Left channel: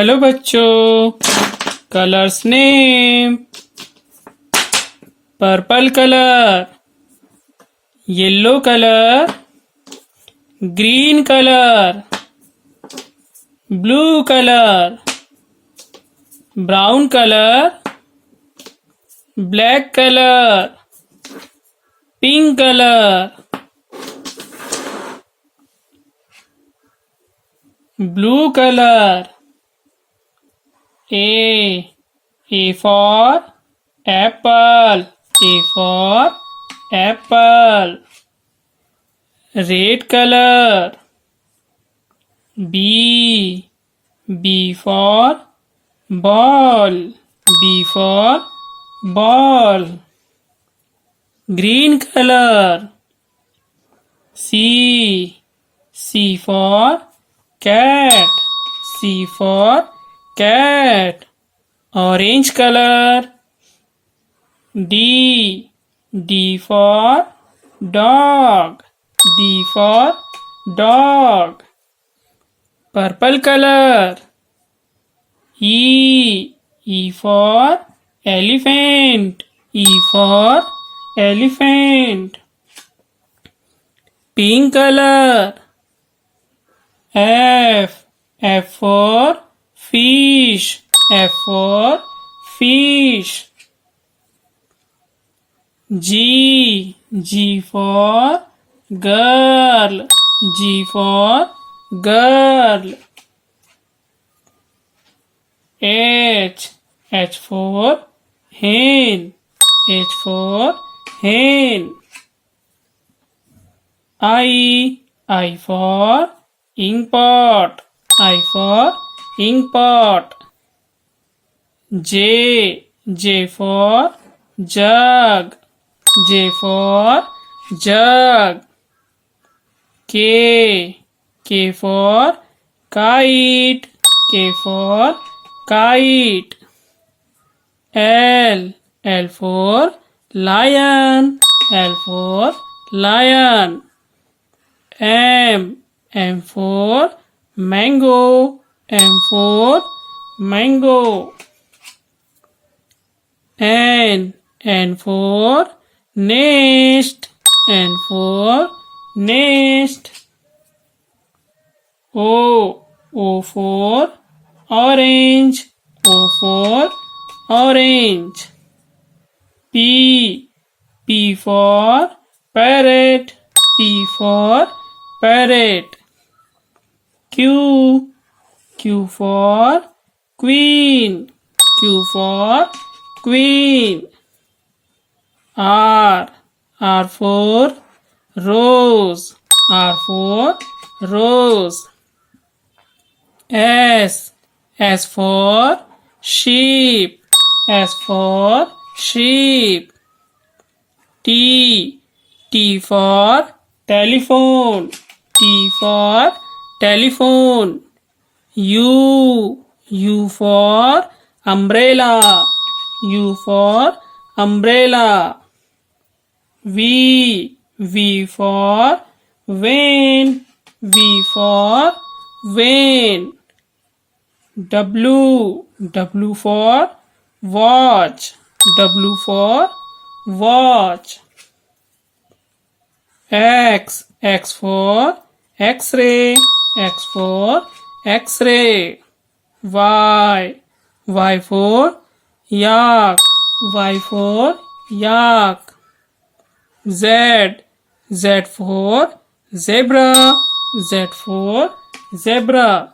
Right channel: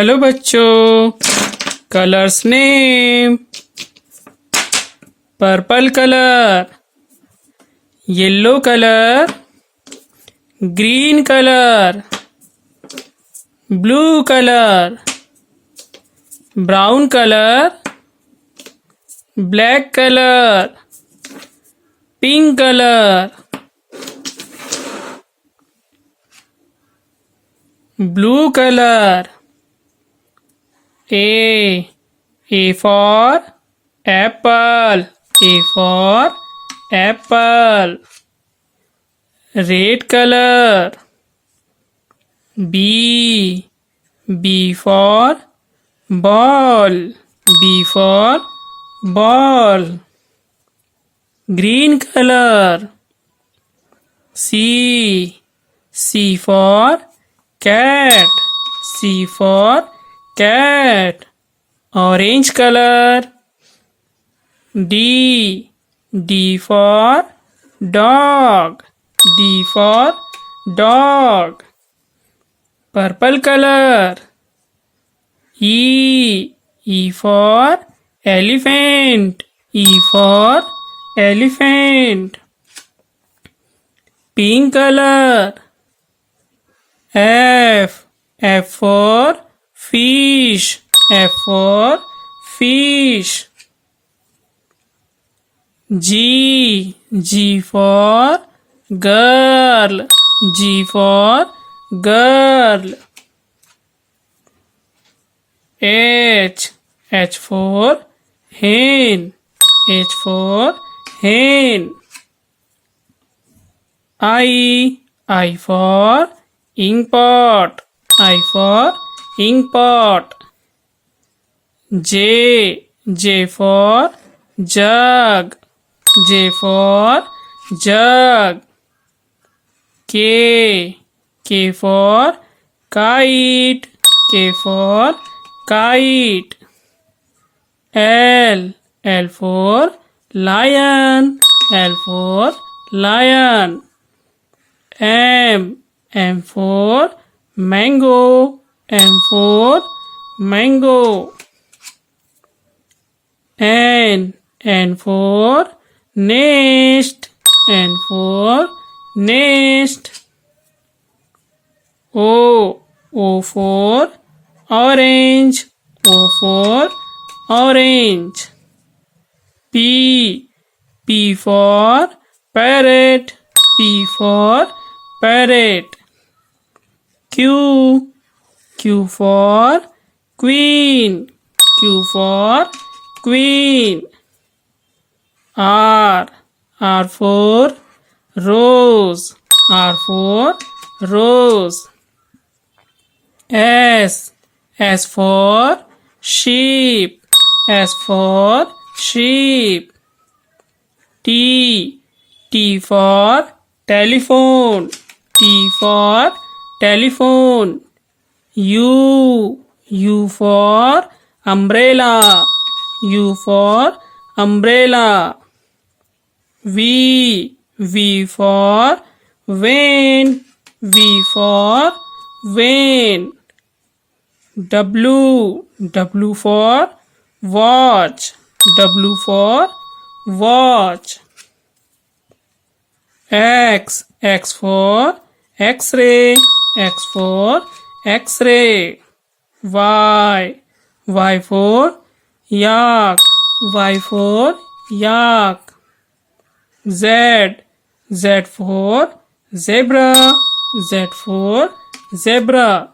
Hello बच्चों, colours name purple colour, yellow colour, green colour, blue colour, brown colour, black colour, pink colour, blue colour. A for apple. A for apple. Red color. B for ball. B for ball. Green color. C for cat. C for cat. Orange color. D for dog. D for dog. Purple color. E for elephant. E for elephant. Pink color. F for fish. F for fish. G for girl. G for girl. H for hen. H for hen. I for ink pot. I for ink pot. J for jug. J for jug. K for kite. K for kite. L for lion. L for lion. M for mango. M for mango. N for nest. N for nest. O for orange. O for orange. P for parrot. P for parrot. Q for queen. Q for queen. R for rose. R for rose. S for sheep. S for sheep. T for telephone. T for telephone. U for umbrella. U for umbrella. V for van. V for van. W for watch. W for watch. X for X-ray. X for X-ray. Y for yak. Y for yak. Z for zebra. Z for zebra.